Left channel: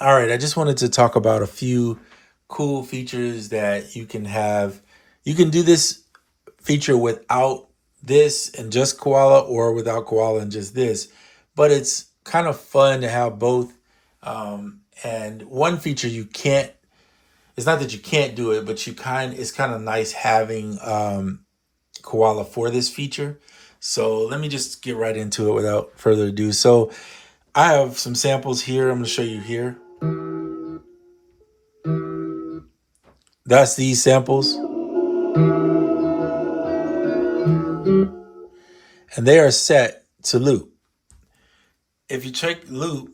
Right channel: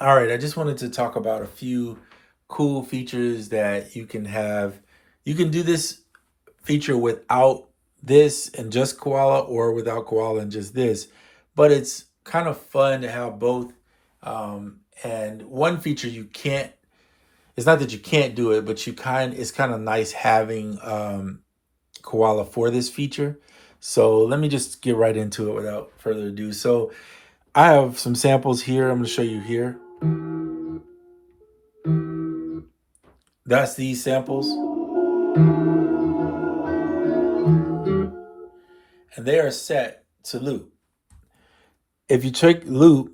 All right, I just wanted to talk about a few cool features that you can have. You can do this feature without this and just Koala, or without Koala and just this, but it's kind of fun to have both. And one feature you can't, it's not that you can't do it, but it's kind of nice having Koala for this feature. So let me just get right into it without further ado. So I have some samples here. I'm going to show you here. That's these samples, and they are set to loop. If you check loop,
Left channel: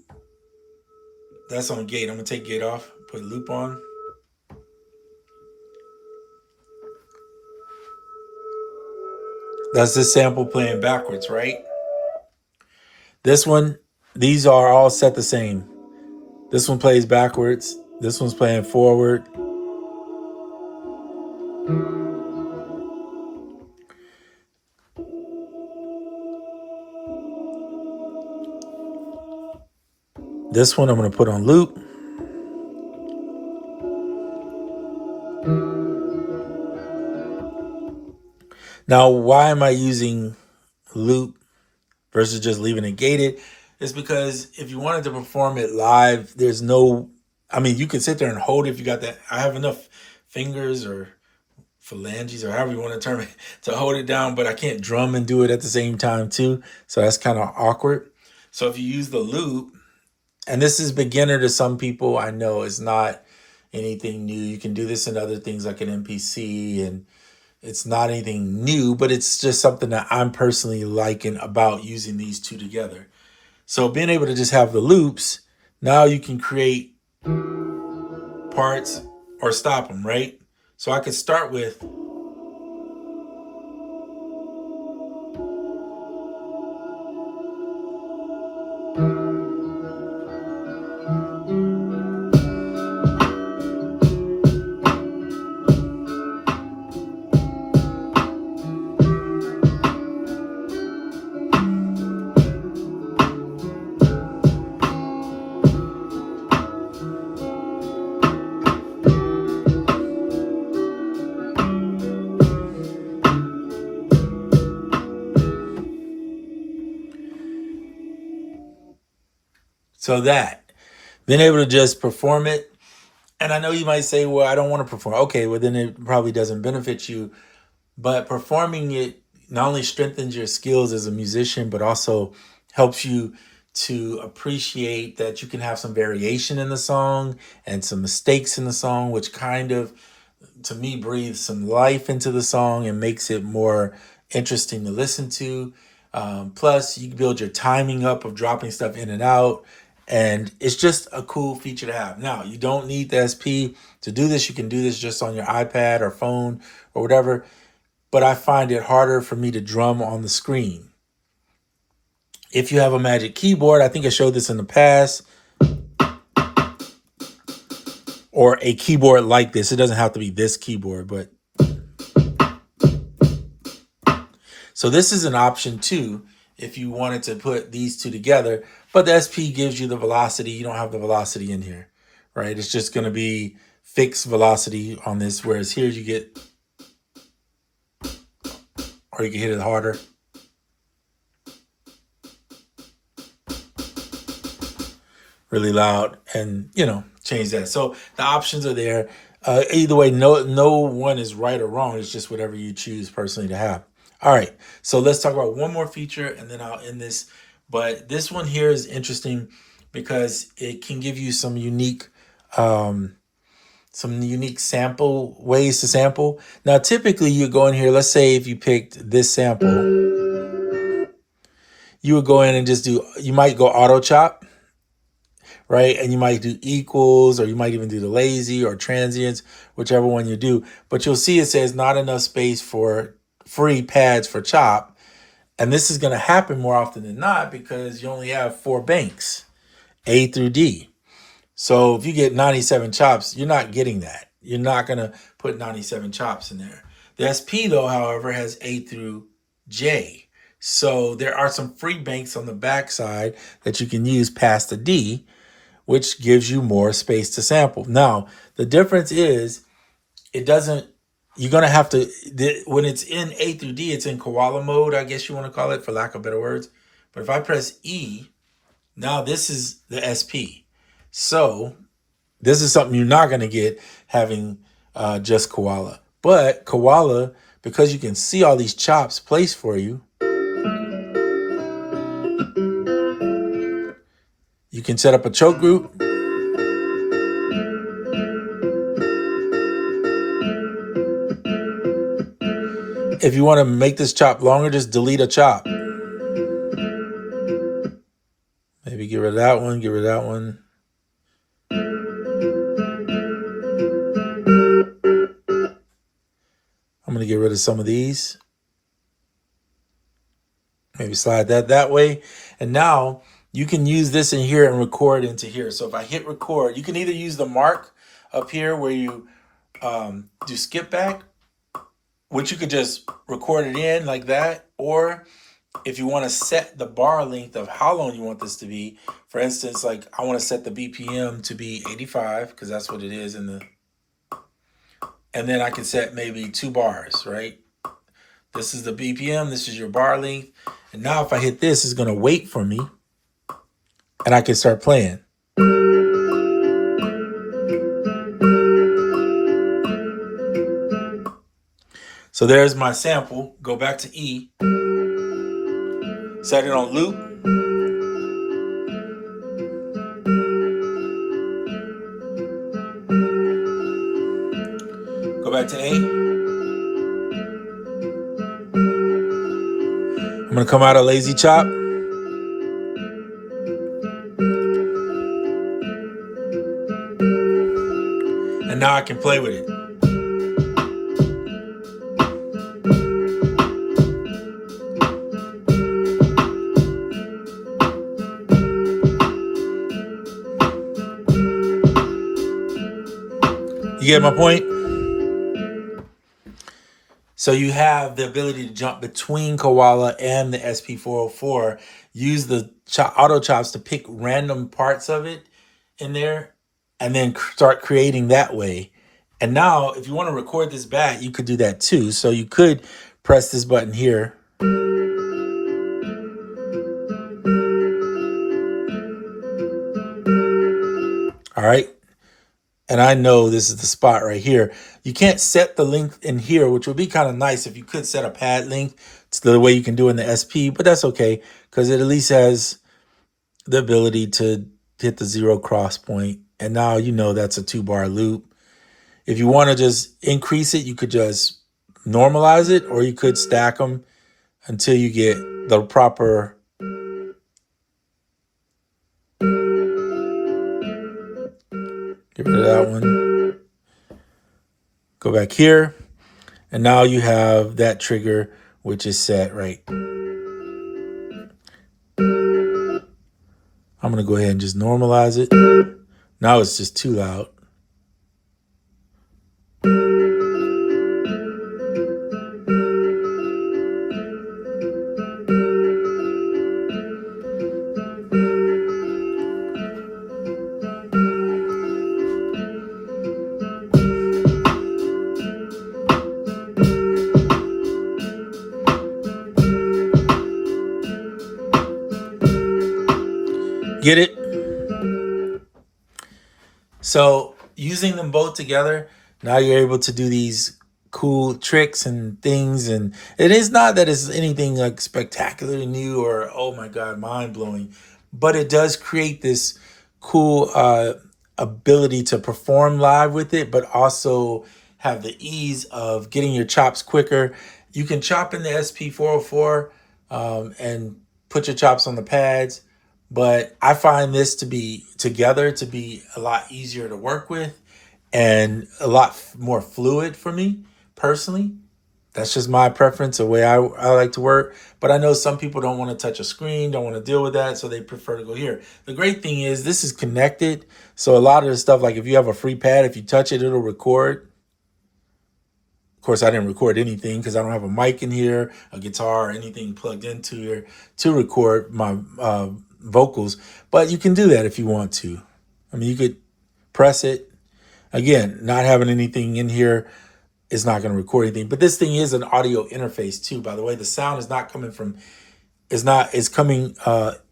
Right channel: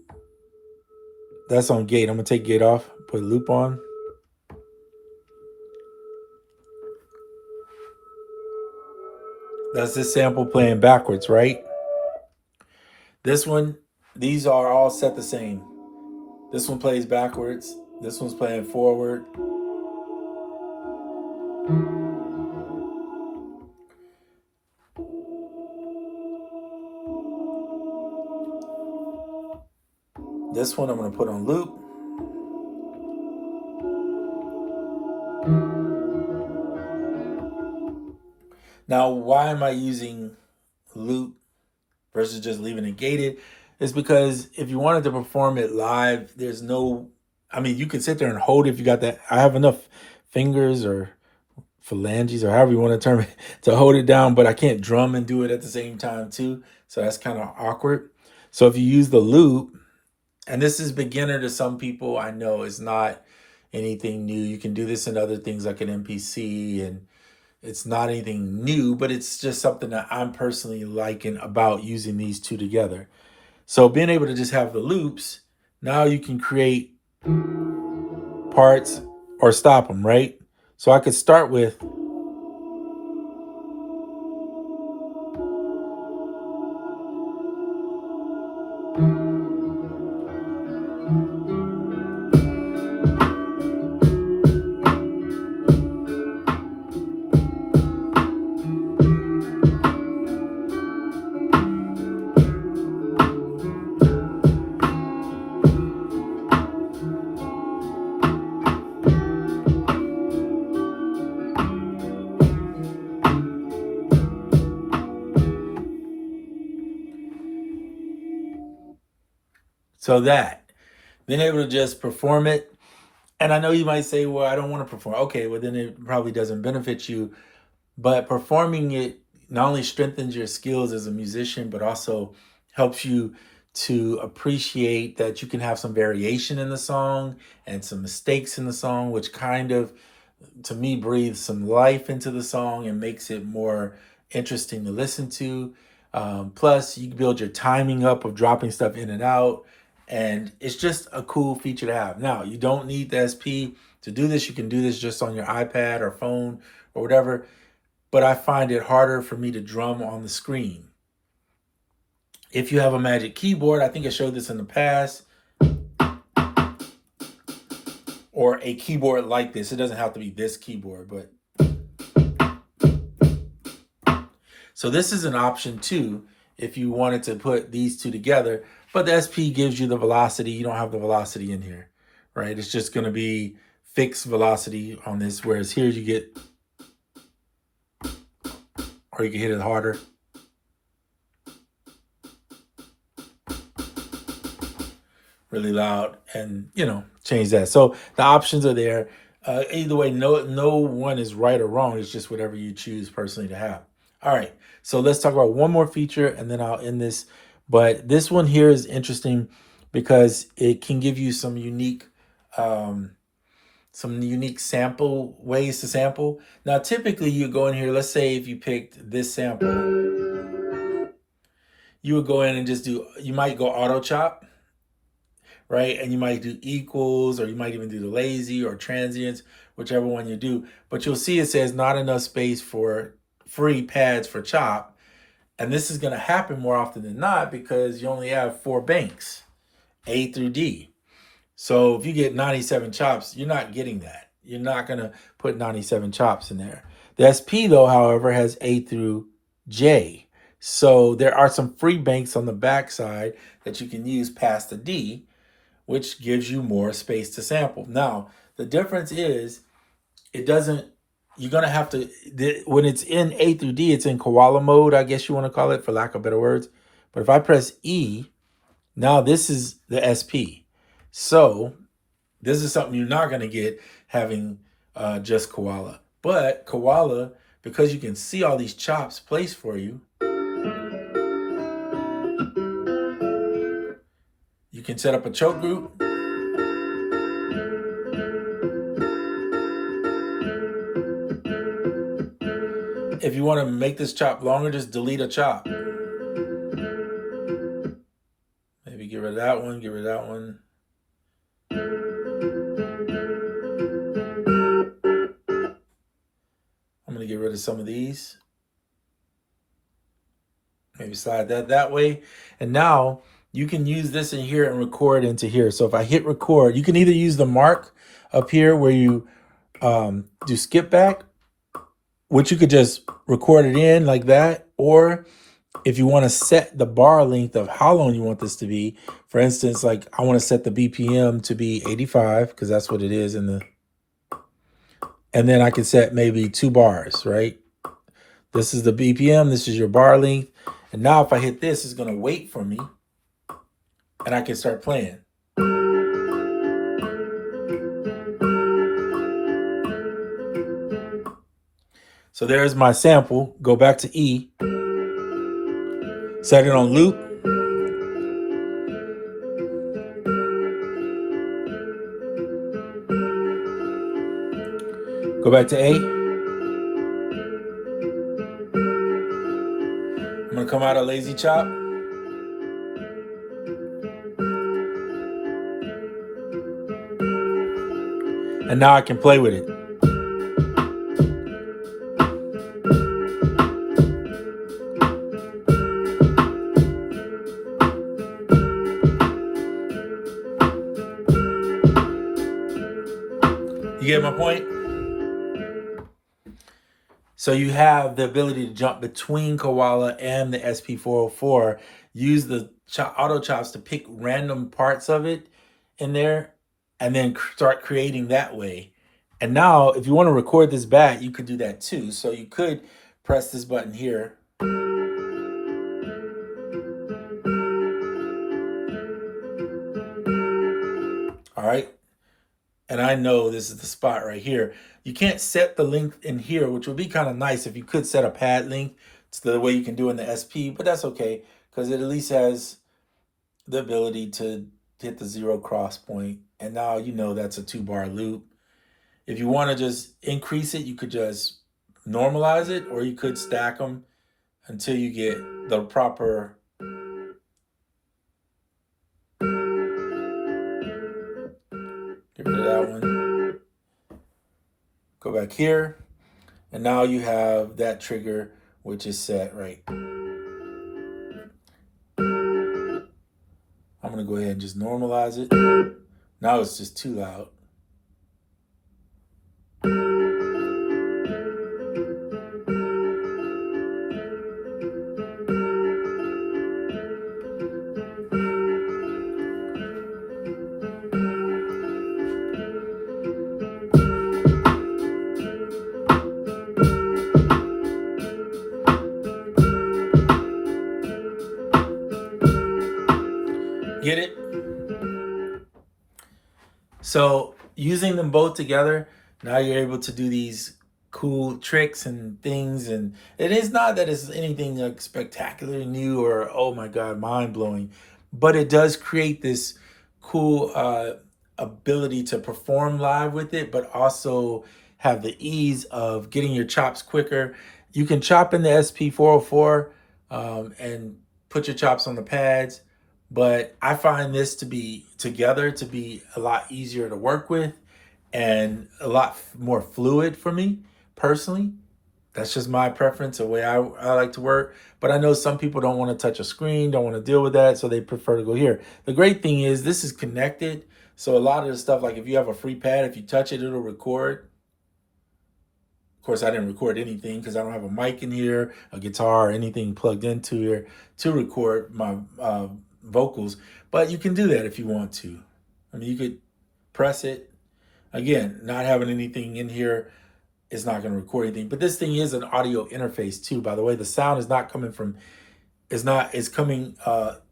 that's on gate. I'm gonna take gate off, put loop on. That's this sample playing backwards, right? This one, these are all set the same. This one plays backwards. This one's playing forward. This one I'm gonna put on loop. Now, why am I using loop versus just leaving it gated? It's because if you wanted to perform it live, there's no, I mean, you can sit there and hold it if you got that. I have enough fingers or phalanges or however you want to term it to hold it down, but I can't drum and do it at the same time too. So that's kind of awkward. So if you use the loop, and this is beginner to some people, I know it's not anything new. You can do this in other things like an MPC, and it's not anything new, but it's just something that I'm personally liking about using these two together. So being able to just have the loops, now you can create parts or stop them, right? So I could start with, so that being able to just perform it. And I know you might say, well, I don't want to perform. Okay, well, then it probably doesn't benefit you. But performing it not only strengthens your skills as a musician, but also helps you to appreciate that you can have some variation in the song and some mistakes in the song, which kind of, to me, breathes some life into the song and makes it more interesting to listen to. Plus, you can build your timing up of dropping stuff in and out. And it's just a cool feature to have. Now, you don't need the SP to do this. You can do this just on your iPad or phone or whatever. But I find it harder for me to drum on the screen. If you have a Magic Keyboard, I think I showed this in the past, or a keyboard like this. It doesn't have to be this keyboard, but so this is an option too if you wanted to put these two together. But the SP gives you the velocity. You don't have the velocity in here, right? It's just going to be fixed velocity on this, whereas here you get, or you can hit it harder. Really loud, and change that. So the options are there. Either way, no one is right or wrong. It's just whatever you choose personally to have. All right, so let's talk about one more feature and then I'll end this. But this one here is interesting because it can give you some unique sample ways to sample. Now typically you go in here, let's say if you picked this sample, you would go in and just you might go auto chop, right? And you might do equals, or you might even do the lazy or transients, whichever one you do. But you'll see it says not enough space for free pads for chop. And this is going to happen more often than not because you only have 4 banks, A through D. So if you get 97 chops, you're not getting that. You're not going to put 97 chops in there. The SP, though, however, has A through J. So there are some free banks on the back side that you can use past the D, which gives you more space to sample. Now, the difference is it doesn't, you're going to have to, when it's in A through D, it's in koala mode, I guess you want to call it, for lack of better words. But if I press E, now this is the SP. So this is something you're not going to get having just koala. But koala, because you can see all these chops placed for you, you can set up a choke group. If you want to make this chop longer, just delete a chop. Maybe get rid of that one, get rid of that one. I'm going to get rid of some of these. Maybe slide that way. And now you can use this in here and record into here. So if I hit record, you can either use the mark up here where you do skip back, which you could just record it in like that. Or if you want to set the bar length of how long you want this to be, for instance, like I want to set the BPM to be 85 because that's what it is in the, and then I can set maybe 2 bars, right? This is the BPM, this is your bar length. And now if I hit this, it's going to wait for me and I can start playing. So there's my sample. Go back to E, set it on loop. Go back to A. I'm going to come out of lazy chop. And now I can play with it. You get my point? So you have the ability to jump between Koala and the SP404. Use the auto chops to pick random parts of it in there and then start creating that way. And now if you want to record this back, you could do that too. So you could press this button here. All right. And I know this is the spot right here. You can't set the length in here, which would be kind of nice if you could set a pad length. It's the way you can do in the SP, but that's okay because it at least has the ability to hit the 0 cross point. And now you know that's a 2-bar loop. If you want to just increase it, you could just normalize it, or you could stack them until you get the proper. Get rid of that one. Go back here. And now you have that trigger, which is set right. I'm going to go ahead and just normalize it. Now it's just too loud. Get it? So using them both together, now you're able to do these cool tricks and things. And it is not that it's anything like spectacularly new or, oh my God, mind blowing, but it does create this cool ability to perform live with it, but also have the ease of getting your chops quicker. You can chop in the SP404 and put your chops on the pads. But I find this to be together to be a lot easier to work with and a lot more fluid for me personally. That's just my preference, the way I like to work. But I know some people don't want to touch a screen, don't want to deal with that, so they prefer to go here. The great thing is this is connected. So a lot of the stuff, like if you have a free pad, if you touch it, it'll record. Of course, I didn't record anything because I don't have a mic in here, a guitar, or anything plugged into here to record my vocals, but you can do that if you want to. I mean, you could press it. Again, not having anything in here is not going to record anything. But this thing is an audio interface too. By the way, the sound is not coming from, is coming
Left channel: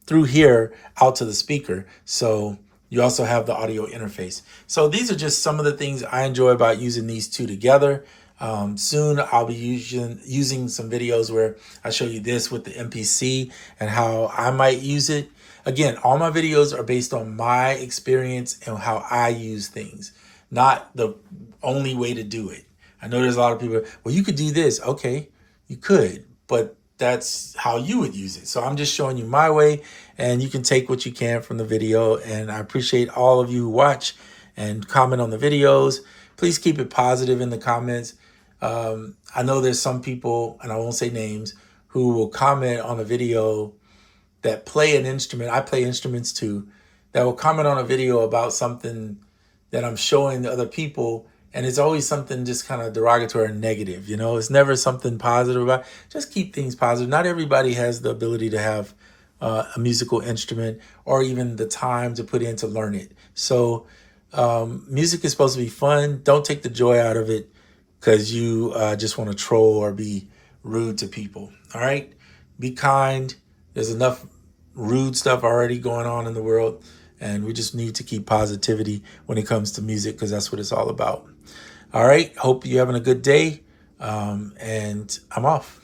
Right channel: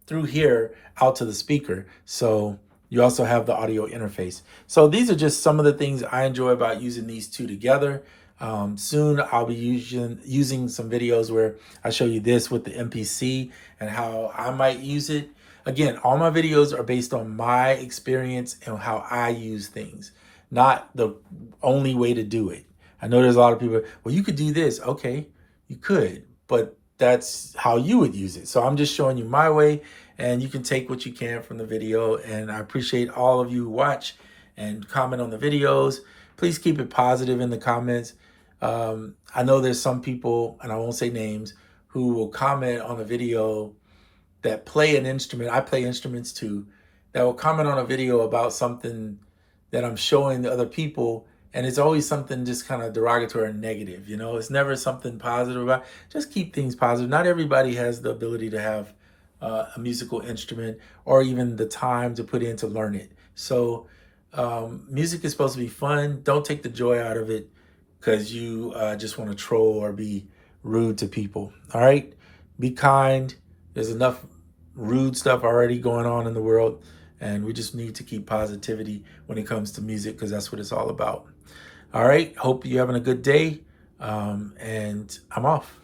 through here out to the speaker. So you also have the audio interface. So these are just some of the things I enjoy about using these two together. Soon I'll be using some videos where I show you this with the MPC and how I might use it. Again, all my videos are based on my experience and how I use things, not the only way to do it. I know there's a lot of people, well, you could do this. Okay, you could, but that's how you would use it. So I'm just showing you my way, and you can take what you can from the video. And I appreciate all of you who watch and comment on the videos. Please keep it positive in the comments. I know there's some people, and I won't say names, who will comment on a video that play an instrument. I play instruments too. That will comment on a video about something that I'm showing the other people, and it's always something just kind of derogatory and negative. You know, it's never something positive about. Just keep things positive. Not everybody has the ability to have a musical instrument or even the time to put in to learn it. So music is supposed to be fun. Don't take the joy out of it because you just want to troll or be rude to people. All right? Be kind. There's enough rude stuff already going on in the world, and we just need to keep positivity when it comes to music because that's what it's all about. All right. Hope you're having a good day, and I'm off.